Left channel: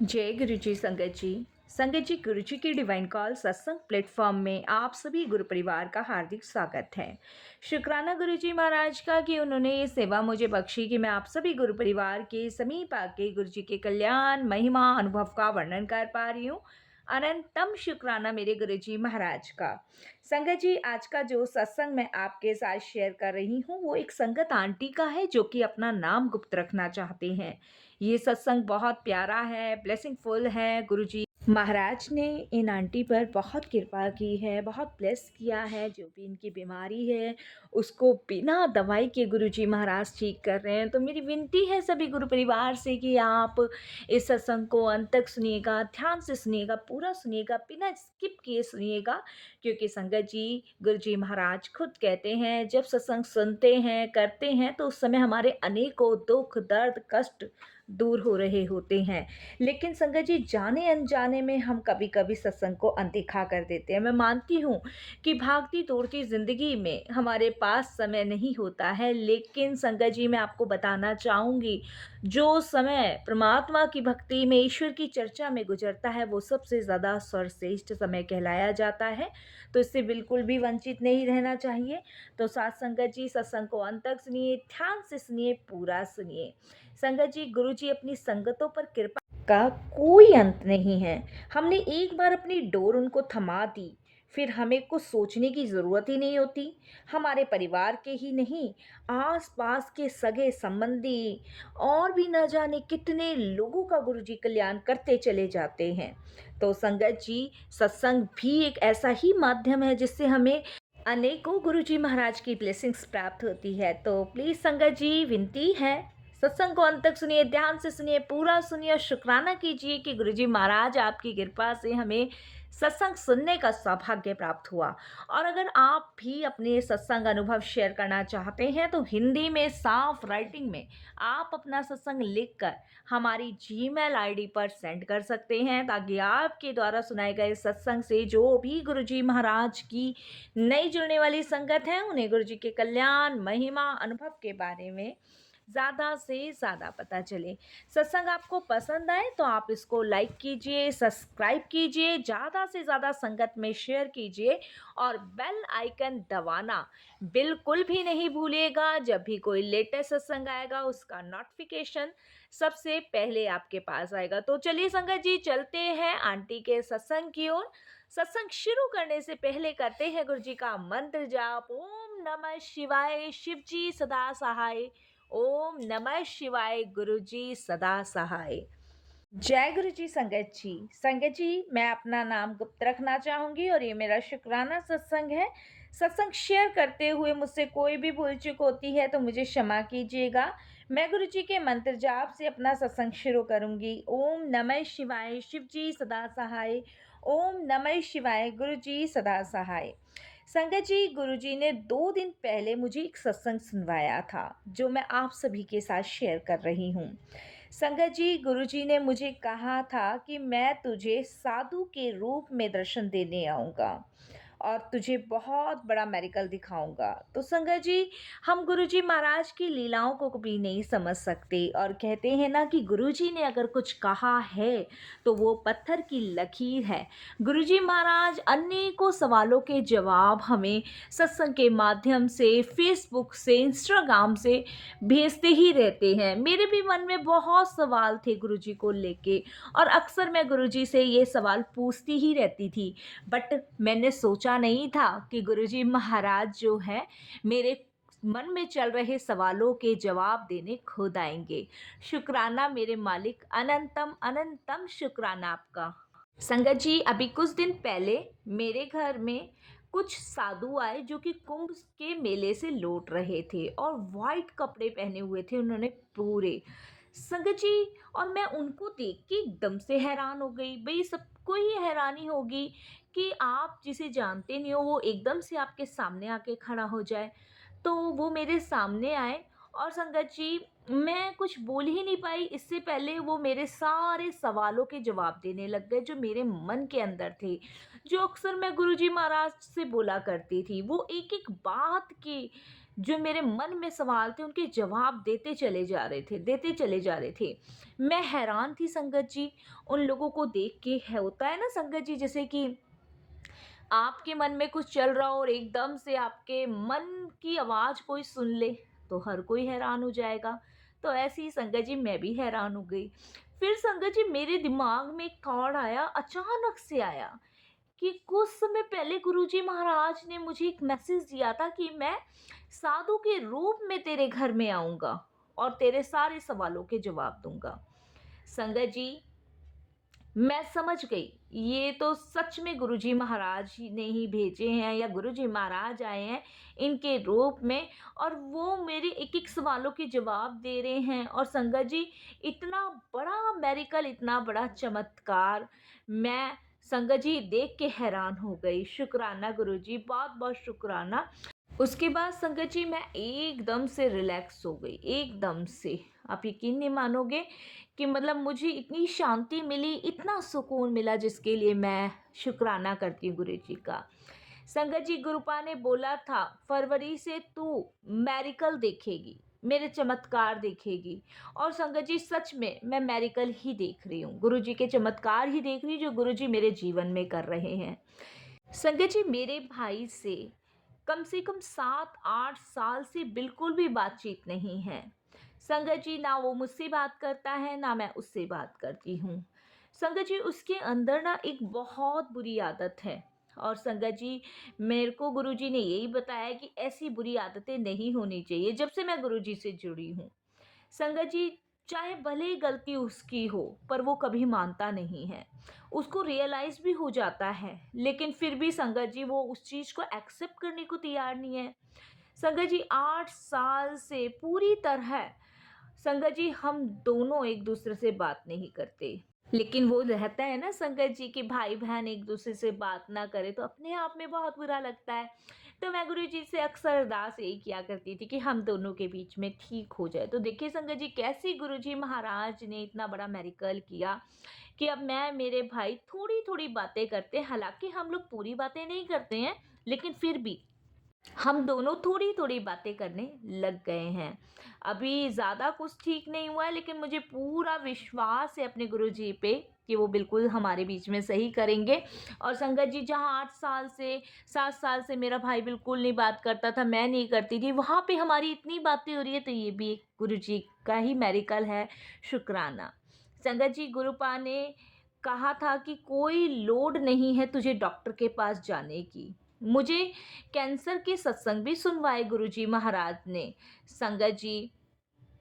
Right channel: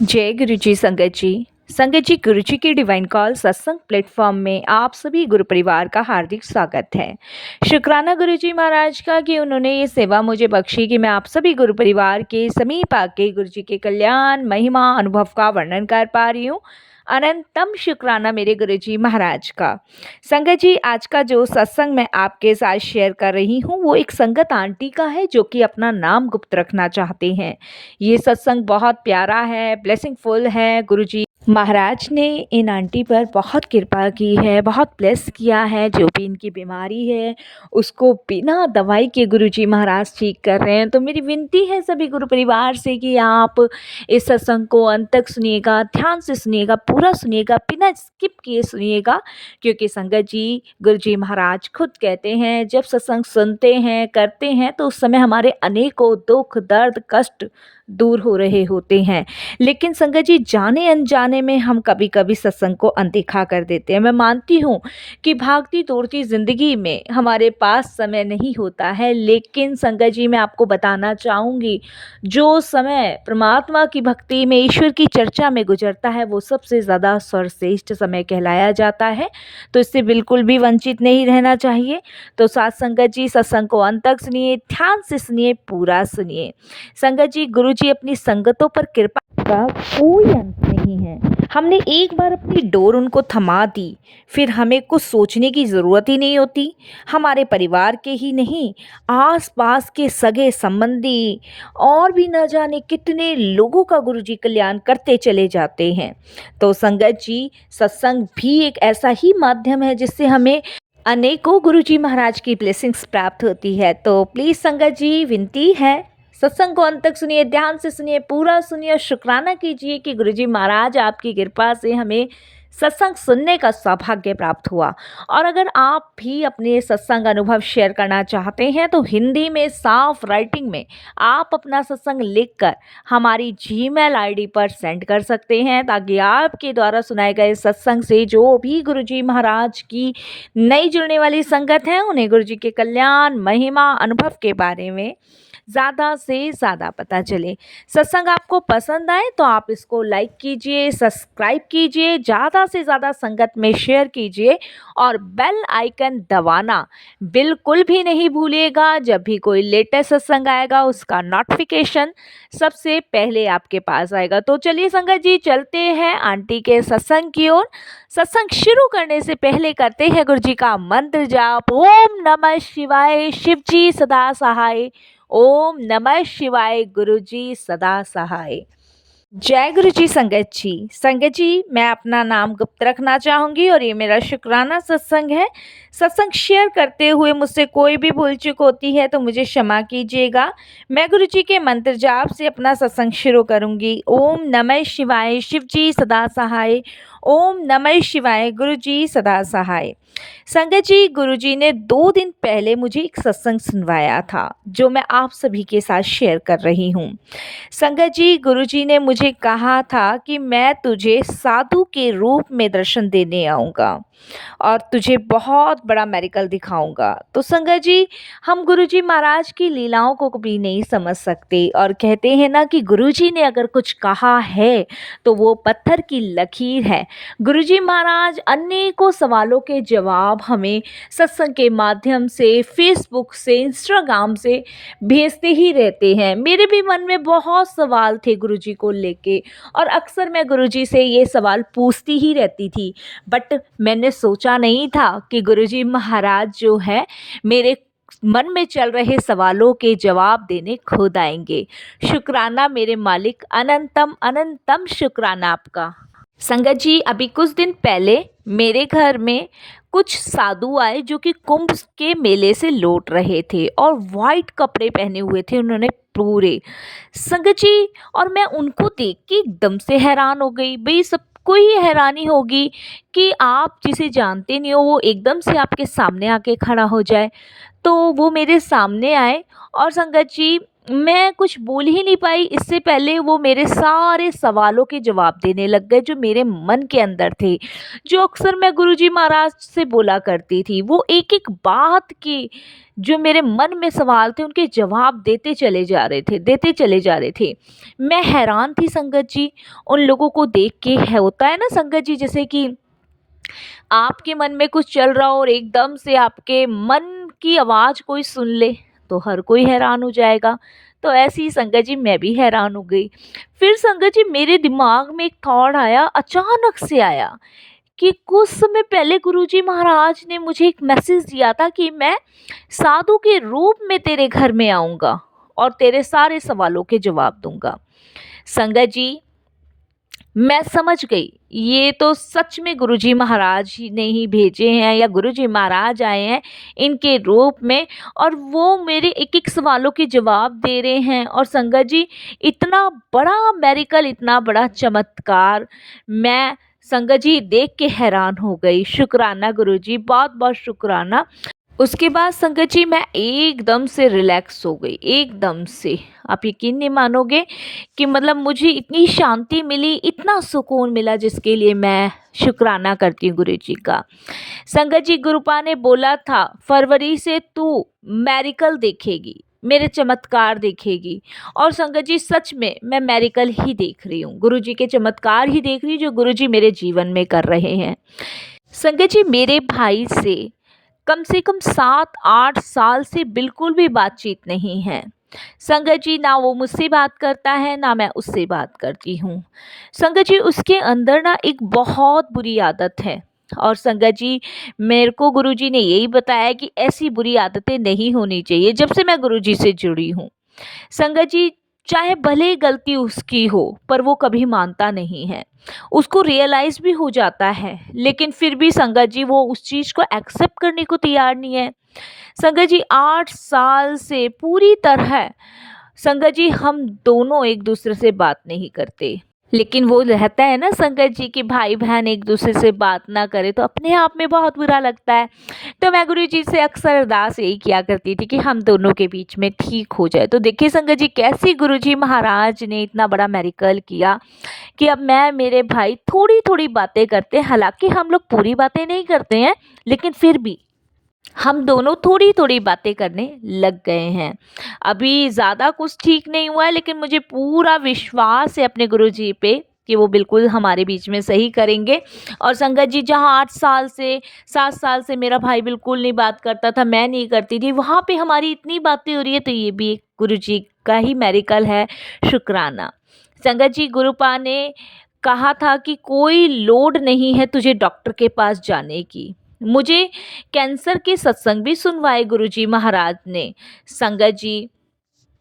जय गुरु जी संगत जी। संगत जी, गुरु जी की डिवाइन कॉल सत्संग प्लेटफॉर्म में आप सभी गुरु परिवार का हार्दिक स्वागत है। शुक्राना गुरु जी महाराज का कि उन्होंने ये सेवा मुझे बख्शी कि मैं आप सभी गुरु परिवार के समीप आके गुरु जी के कल्याण महिमा अनुभव का वर्णन कर पा रही हूँ। अनंतम शुक्राना मेरे गुरु जी महाराज का। संगत जी, आज का जो सत्संग मैं आपके साथ शेयर कर रही हूँ वो एक संगत आंटी का है जो कि अपना नाम गुप्त रखना चाहते हैं। ये सत्संग बहुत प्यारा है, ब्लेसिंगफुल है। गुरुजी महाराज ने इन आंटी पर बहुत कृपा की है, बहुत ब्लेस किया है। जो भी इनकी बीमारी है उसको बिना दवाई के गुरुजी महाराज ठीक कर रहे हैं। तो मेरी विनती है सभी गुरु परिवार से कि आप इस सत्संग को अंत तक सुनिएगा, ध्यान से सुनिएगा, पूरा सुनिएगा, बिना स्किप किए सुनिएगा। क्योंकि संगत जी, गुरुजी महाराज खुद कहते हैं जब सत्संग सुनते हैं, करते हैं तो उस समय हमारे अनेकों दुख दर्द कष्ट दूर हो रहे होते हैं। लेकिन संगत जी, जाने अनजाने में हम कभी कभी सत्संग को अनदेखा कर देते हैं। मैं मानती हूँ कि भागती दौड़ती ज़िंदगी में हमारे पास समय नहीं होता है, लेकिन संगत जी मैं आपको बताना चाहूँगी जो समय परमात्मा की भक्ति में, ईश्वर की चर्चा में गुजरता है वो सबसे ज़्यादा सर्वश्रेष्ठ समय कहलाया जाता है। तो इससे बिल्कुल भी वंचित नहीं रहना चाहिए। तो साथ संगत जी, सत्संग को अंत तक सुनिए, ध्यान से सुनिए, पूरा सुनिए। संगत जी, गुरु जी अपनी संगतों पर कृपा का कोई अंत नहीं है। हमने एक बार अपनी डोर उनको थमा दी, फिर हमें कुछ सोचने की ज़रूरत ही नहीं होती। हमारे परिवार के ही नहीं, आस पास के सगे संबंधी और भी न जाने कितने लोगों का गुरु जी कल्याण करते चले जाते हैं। तो संगत जी, सत्संग भी एक ऐसा ही माध्यम है जिससे हमें अनेकों गुरु जी महाराज की ब्लेसिंग्स प्राप्त होती है। तो प्लीज़ संगत जी, विनती है सत्संग को अंत तक सुनिए, ध्यान से सुनिए, पूरा सुनिए और शुक्राना कीजिए कि गुरुजी महाराज आपकी कृपा से हमें सत्संग सुनने का सौभाग्य प्राप्त हुआ। और अगर आप भी अपने सत्संग अनुभव शेयर करना चाहते हैं तो हिंदी में साफ राइटिंग में आप अपना सत्संग लिखकर हमारी जीमेल आईडी पर सेंड कर सकते हैं, ताकि आपके द्वारा सुनाए गए सत्संग से जो भी गुरुजी महाराज की नई जुड़ने वाली संगत है उन्हें गुरुजी के कल्याण महिमा अनुभव के बारे में ज़्यादा से ज़्यादा पता चले। सत्संग आपको पसंद आए तो आप इसको लाइक कीजिए, सब्सक्राइब कीजिए, ज़्यादा से ज़्यादा संगत में शेयर कीजिए और बेल आइकन दबाना बिल्कुल भी नहीं भूलिएगा। जब भी कोई लेटेस्ट सत्संग आएगा उसका नोटिफिकेशन सबसे पहले आपके पास आएगा। तो चलिए संगत जी, चलते हैं आंटी के सत्संग की ओर। सत्संग शुरू करने से पहले करते हैं गुरु जी का मंत्र जाप। ओम नमः शिवाय, शिव जी सदा सहाय। ओम नमः शिवाय, गुरु जी सदा सहाय। जय गुरु जी संगत जी। संगत जी, मैं अपना नाम गुप्त रखना चाहूँगी और ये मेरा शुक्राना सत्संग है। सत्संग शेयर करते हुए मुझसे कोई भी भूल चूक होती है तो मुझे क्षमा कीजिएगा। मैं गुरु जी के मंत्र जाप से अपना सत्संग शुरू करूँगी। ओम नमः शिवाय, शिव जी सदा सहाय। ओम नमः शिवाय, गुरु जी सदा सहाय। संगत जी, गुरुजी ने 2 दिन पहले मुझे एक सत्संग सुनवाया था जो मैं आप सभी के साथ शेयर कर रही हूँ। संगत जी, गुरुजी ने मुझे कहा था कि मैं तुझे साधु के रूप में दर्शन देने आऊँगा और तुझे बहुत बड़ा मेडिकल दिखाऊंगा। तो संगत जी, हम गुरुजी महाराज की लीलाओं को कभी नहीं समझ सकते और कहते हैं ना कि गुरुजी ने अगर कुछ कहा है तो वो पत्थर की लकीर है। गुरुजी महाराज अनेकों सवालों के जवाब हमें सत्संग के माध्यम से, फेसबुक से, इंस्टाग्राम से भेजते ही रहते हैं। मेरे भी मन में बहुत सवाल थे गुरुजी को लेके और अक्सर मैं गुरुजी से ये सवाल पूछती ही रहती थी, बट मैंने सोचा नहीं था कि गुरुजी महाराज जो है मेरे मन में चल रहे सवालों के जवाब देने खुद आएंगे। शुक्राना मेरे मालिक, अनंतम अनंतम शुक्राना आपका। संगत जी, अभी कुछ दिन पहले मेरे घर में कुछ साधु आए जो कि कुंभ के मेले से लौट रहे थे और वाइट कपड़े पहने हुए थे उन्होंने पूरे। संगत जी, और मैं उनको देख के एकदम से हैरान हो गई। भाई, सबको ही हैरानी होगी कि आप जिसे जानते नहीं हो वो एकदम से आपके सामने आके खड़ा हो जाए। तो वो मेरे सामने आए और संगत जी, मैं कुछ बोल ही नहीं पाई, इससे पहले वो मेरे सारे सवालों के जवाब देने लग गए जो मेरे मन के अंदर थे, जो अक्सर मैं गुरुजी महाराज से बोला करती थी। वो एक-एक बात की जो मेरे मन में सवाल थे उनके जवाब देते चले जा रहे थे। मैं हैरान थी संगत जी, उन लोगों को देख के। है होता है ना संगत जी, जैसे कि आपके मन में कुछ चल रहा हो और एकदम से आपके मन की आवाज़ कोई सुन ले, तो हर कोई हैरान हो जाएगा। तो ऐसे ही संगत जी मैं भी हैरान हो गई। फिर संगत जी मेरे दिमाग में एक थॉट आया, अचानक से आया, कि कुछ समय पहले गुरुजी महाराज ने मुझे एक मैसेज दिया था कि मैं साधु के रूप में तेरे घर में आऊँगा और तेरे सारे सवालों के जवाब दूँगा। संगत जी मैं समझ गई, ये तो सच में गुरुजी महाराज ही ने ही भेजे हैं या गुरुजी महाराज आए हैं इनके रूप में, और वो मेरे एक एक सवालों के जवाब दे रहे हैं। और संगत जी इतना बड़ा मेरिकल, इतना बड़ा चमत्कार मैं संगत जी देख के हैरान हो गई। शुक्राना गुरुजी, बहुत बहुत शुक्राना। उसके बाद संगत जी मैं एकदम से रिलैक्स हो गई, एकदम से। आप यकीन नहीं मानोगे कि मतलब मुझे इतनी शांति मिली, इतना सुकून मिला, जिसके लिए मैं शुक्राना करती हूँ गुरु जी का। संगत जी गुरुपा ने बोला था फरवरी से तू मेरिकल देखेगी, मेरे चमत्कार देखेगी। और संगत जी सच में मैं मेरिकल ही देख रही हूँ, गुरु जी के चमत्कार ही देख रही हूँ जो गुरु जी मेरे जीवन में कर रहे हैं। संगत जी मेरे भाई से कम 7-8 साल से बिल्कुल भी बातचीत नहीं है। संगत जी ना वो मुझसे बात करता है ना मैं उससे बात करती हूँ। संगत जी उसके अंदर ना एक बहुत बुरी आदत है, और संगत जी मेरे को गुरुजी ने यही बताया कि ऐसी बुरी आदतें नहीं होनी चाहिए जब से मैं गुरुजी से जुड़ी हूँ। संगत जी चाहे भले ही गलती उसकी हो पर वो कभी मानता नहीं है, उसको रियलाइज भी हो जाता है, लेकिन फिर भी संगत जी वो उस चीज़ को एक्सेप्ट करने को तैयार नहीं है। संगत जी 8 साल से पूरी तरह संगत जी हम दोनों एक दूसरे से बात नहीं करते, लेकिन वो रहता है ना संगत जी कि भाई बहन एक दूसरे से बात ना करे तो अपने आप में बहुत बुरा लगता है। तो मैं गुरु जी से अक्सर अरदास यही किया करती थी कि हम दोनों के बीच में ठीक हो जाए। तो देखिए संगत जी कैसे गुरु जी महाराज ने इतना बड़ा मेरिकल किया कि अब मैं मेरे भाई थोड़ी थोड़ी बातें करते हैं, हालांकि हम लोग पूरी बातें नहीं करते हैं, लेकिन फिर भी हम दोनों थोड़ी थोड़ी बातें करने लग गए हैं। अभी ज़्यादा कुछ ठीक नहीं हुआ है, लेकिन मुझे पूरा विश्वास है अपने गुरुजी पे कि वो बिल्कुल हमारे बीच में सही करेंगे। और संगत जी जहाँ 8 साल से 7 साल से मेरा भाई बिल्कुल नहीं बात करता था, मैं नहीं करती थी, वहाँ पे हमारी इतनी बातें हो रही है, तो ये भी एक गुरु जी का ही मेरिकल है। शुक्राना। संगत जी गुरुपा ने कहा था कि कोई लोड नहीं है तुझे डॉक्टर के पास जाने की। मुझे कैंसर के सत्संग भी सुनवाए गुरुजी महाराज ने। संगत जी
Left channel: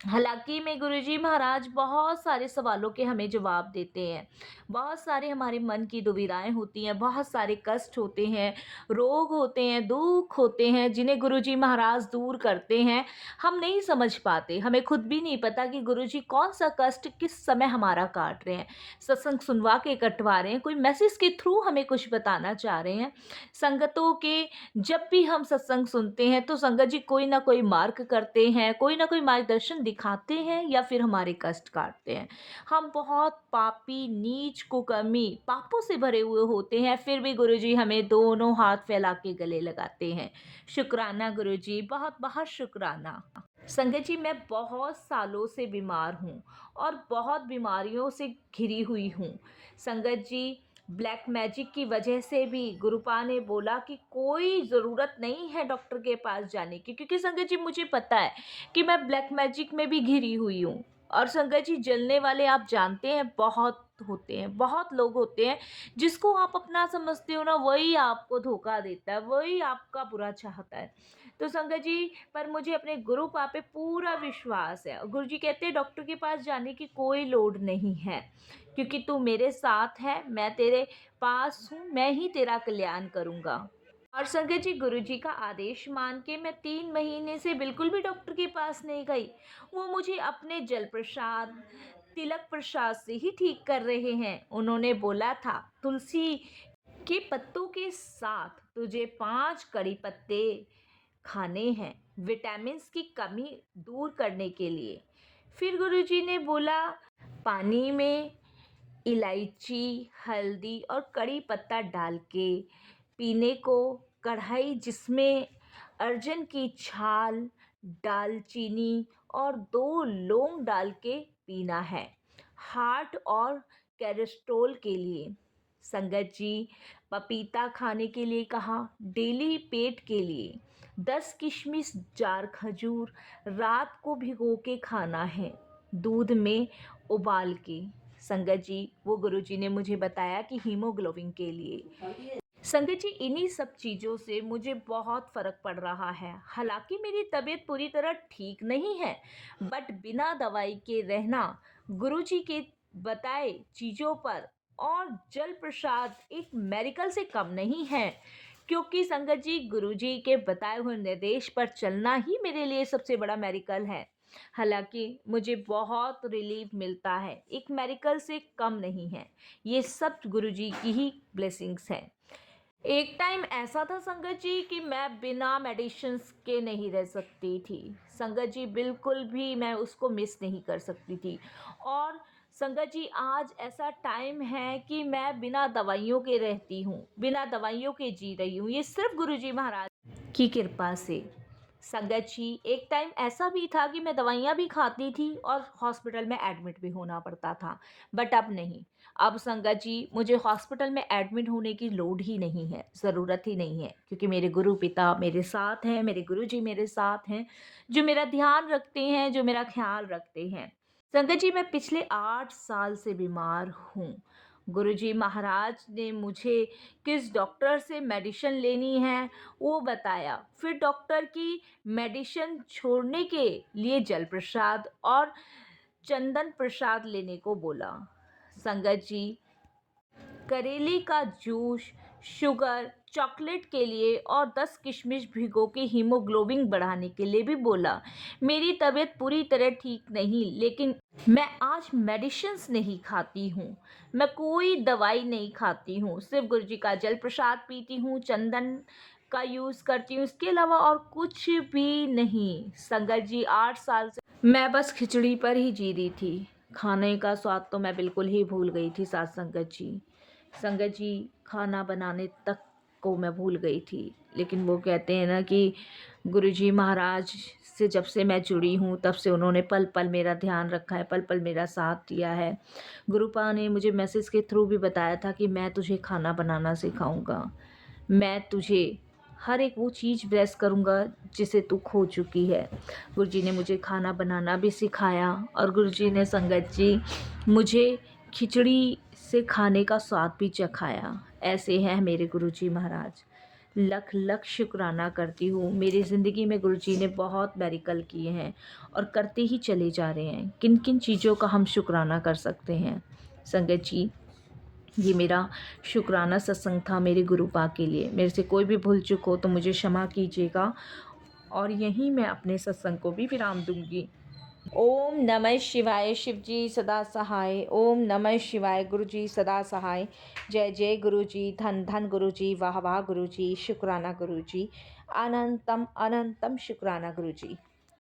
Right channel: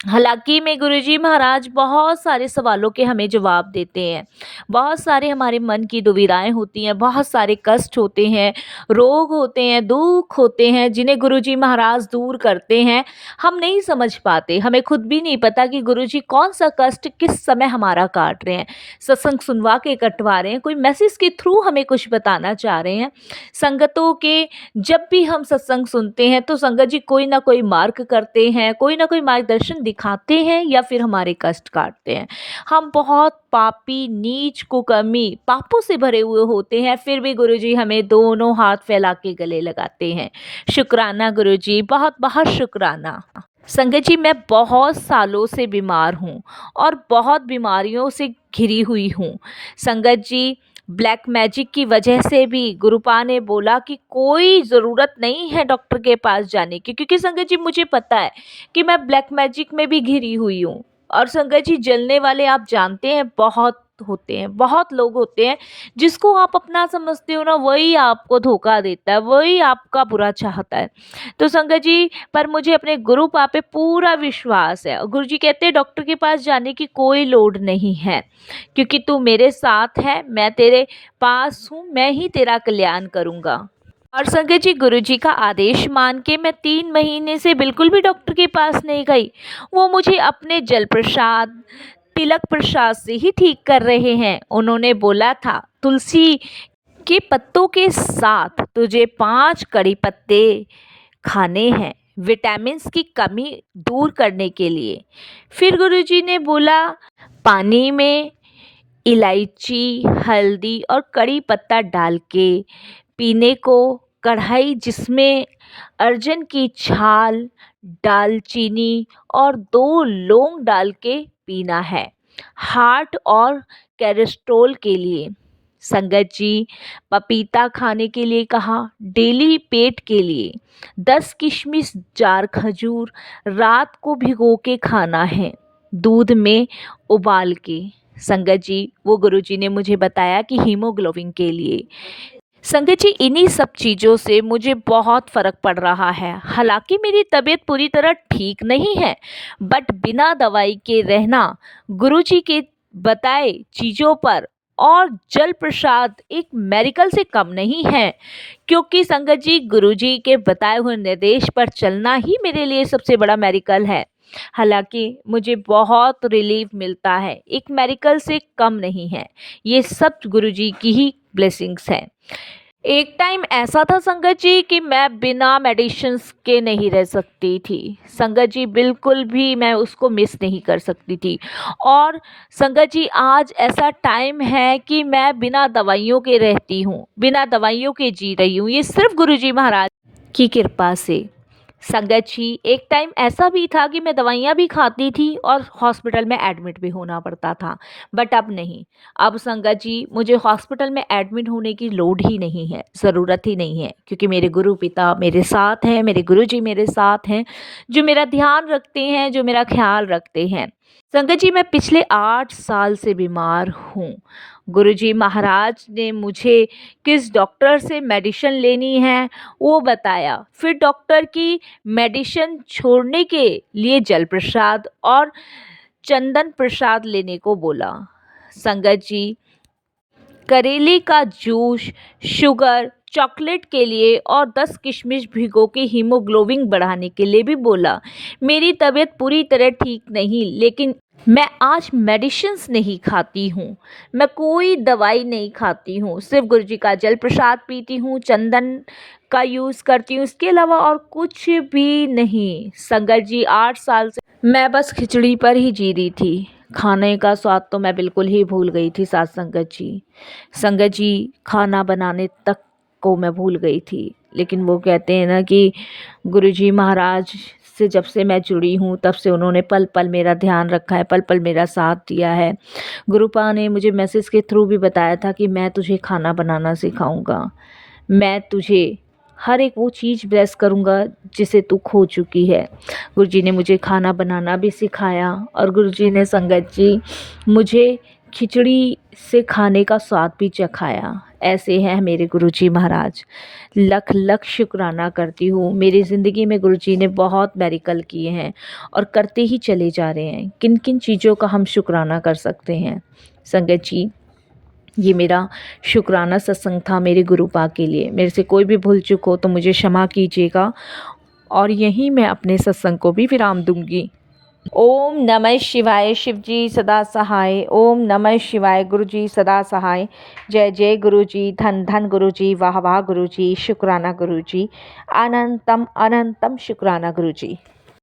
हालांकि में गुरुजी महाराज बहुत सारे सवालों के हमें जवाब देते हैं, बहुत सारे हमारे मन की दुविधाएं होती हैं, बहुत सारे कष्ट होते हैं, रोग होते हैं, दुख होते हैं, जिन्हें गुरुजी महाराज दूर करते हैं। हम नहीं समझ पाते, हमें खुद भी नहीं पता कि गुरुजी कौन सा कष्ट किस समय हमारा काट रहे हैं, सत्संग सुनवा के कटवा रहे हैं, कोई मैसेज के थ्रू हमें कुछ बताना चाह रहे हैं। संगतों के जब भी हम सत्संग सुनते हैं तो संगत जी कोई ना कोई मार्ग करते हैं, कोई ना कोई मार्गदर्शन दिखाते हैं या फिर हमारे कष्ट काटते हैं। हम बहुत पापी, नीच, कुकर्मी, पापों से भरे हुए होते हैं, फिर भी गुरुजी हमें दोनों हाथ फैला के गले लगाते हैं। शुक्राना गुरुजी, बहुत बहुत शुक्राना। संगत जी मैं बहुत सालों से बीमार हूँ और बहुत बीमारियों से घिरी हुई हूँ। संगत जी ब्लैक मैजिक की वजह से भी गुरुपा ने बोला कि कोई ज़रूरत नहीं है डॉक्टर के पास जाने की, क्योंकि संगत जी मुझे पता है कि मैं ब्लैक मैजिक में भी घिरी हुई हूँ। और संगत जी जलने वाले आप जानते हैं बहुत होते हैं, बहुत लोग होते हैं, जिसको आप अपना समझते हो ना वही आपको धोखा देता है, वही आपका बुरा चाहता है। तो संगत जी पर मुझे अपने गुरु पा पे पूरा विश्वास है, और गुरु जी कहते हैं डॉक्टर के पास जाने की कोई लोड नहीं है, क्योंकि तू मेरे साथ है, मैं तेरे पास हूँ, मैं ही तेरा कल्याण करूँगा। और संगत जी गुरुजी का आदेश मान के मैं 3 महीने से बिल्कुल भी डॉक्टर के पास नहीं गई। वो मुझे अपने जल प्रसाद, तिलक प्रसाद से ही ठीक कर रहे हैं। उन्होंने बोला था तुलसी के पत्तों के साथ तुझे 5 कड़ी पत्ते खाने हैं, विटामिन्स की कमी दूर करने के लिए। फिर गुरुजी ने बोला पानी में इलायची, हल्दी और कड़ी पत्ता डाल के पीने को, कढ़ाई जिसमें अर्जन की छाल, दालचीनी और 2 लौंग डाल के पीना है, हार्ट और कोलेस्ट्रॉल के लिए। संगत जी, पपीता खाने के लिए कहा, डेली पेट के लिए। 10 किशमिश, 4 खजूर रात को भिगो के खाना है, दूध में उबाल के। संगत जी, वो गुरुजी ने मुझे बताया कि हीमोग्लोबिन के लिए। संगत जी, इन्हीं सब चीज़ों से मुझे बहुत फ़र्क पड़ रहा है। हालांकि मेरी तबीयत पूरी तरह ठीक नहीं है, बट बिना दवाई के रहना गुरुजी के बताए चीज़ों पर और जल प्रसाद एक मेडिकल से कम नहीं है। क्योंकि संगत जी, गुरुजी के बताए हुए निर्देश पर चलना ही मेरे लिए सबसे बड़ा मेडिकल है। हालांकि मुझे बहुत रिलीफ मिलता है, एक मेडिकल से कम नहीं है। ये सब गुरुजी की ही ब्लेसिंग्स हैं। एक टाइम ऐसा था संगत जी कि मैं बिना मेडिसिन्स के नहीं रह सकती थी। संगत जी, बिल्कुल भी मैं उसको मिस नहीं कर सकती थी। और संगत जी, आज ऐसा टाइम है कि मैं बिना दवाइयों के रहती हूँ, बिना दवाइयों के जी रही हूँ। ये सिर्फ गुरुजी महाराज की कृपा से। संगत जी, एक टाइम ऐसा भी था कि मैं दवाइयाँ भी खाती थी और हॉस्पिटल में एडमिट भी होना पड़ता था, बट अब नहीं। अब संगत जी, मुझे हॉस्पिटल में एडमिट होने की लोड ही नहीं है, ज़रूरत ही नहीं है, क्योंकि मेरे गुरु पिता मेरे साथ हैं, मेरे गुरुजी मेरे साथ हैं, जो मेरा ध्यान रखते हैं, जो मेरा ख्याल रखते हैं। संगत जी, मैं पिछले 8 साल से बीमार हूँ। गुरुजी महाराज ने मुझे किस डॉक्टर से मेडिसिन लेनी है वो बताया। फिर डॉक्टर की मेडिसिन छोड़ने के लिए जल प्रसाद और चंदन प्रसाद लेने को बोला। संगत जी, करेले का जूस, शुगर, चॉकलेट के लिए और 10 किशमिश भिगो के हीमोग्लोबिन बढ़ाने के लिए भी बोला। मेरी तबीयत पूरी तरह ठीक नहीं, लेकिन मैं आज मेडिसिन्स नहीं खाती हूँ, मैं कोई दवाई नहीं खाती हूँ, सिर्फ गुरुजी का जल प्रसाद पीती हूँ, चंदन का यूज़ करती हूँ, इसके अलावा और कुछ भी नहीं। संगत जी, 8 साल से मैं बस खिचड़ी पर ही जी रही थी। खाने का स्वाद तो मैं बिल्कुल ही भूल गई थी साथ संगत जी। संगत जी, खाना बनाने तक को मैं भूल गई थी। लेकिन वो कहते हैं ना कि गुरुजी महाराज से जब से मैं जुड़ी हूँ तब से उन्होंने पल पल मेरा ध्यान रखा है, पल पल मेरा साथ दिया है। गुरुपा ने मुझे मैसेज के थ्रू भी बताया था कि मैं तुझे खाना बनाना सिखाऊंगा, मैं तुझे हर एक वो चीज़ ब्लेस करूँगा जिसे तू खो चुकी है। गुरुजी ने मुझे खाना बनाना भी सिखाया और गुरुजी ने संगत जी मुझे खिचड़ी से खाने का स्वाद भी चखाया। ऐसे हैं मेरे गुरुजी महाराज। लख लख शुक्राना करती हूँ। मेरी ज़िंदगी में गुरुजी ने बहुत मेडिकल किए हैं और करते ही चले जा रहे हैं। किन किन चीज़ों का हम शुक्राना कर सकते हैं। संगत जी, ये मेरा शुक्राना सत्संग था मेरे गुरुपा के लिए। मेरे से कोई भी भूल चूक हो तो मुझे क्षमा कीजिएगा और यहीं मैं अपने सत्संग को भी विराम दूंगी। ओम नमः शिवाय, शिवजी सदा सहाय। ओम नमः शिवाय, गुरुजी सदा सहाय। जय जय गुरुजी, धन धन गुरुजी, वाह वाह गुरुजी, शुक्राना गुरुजी, अनंतम अनंतम शुक्राना गुरुजी।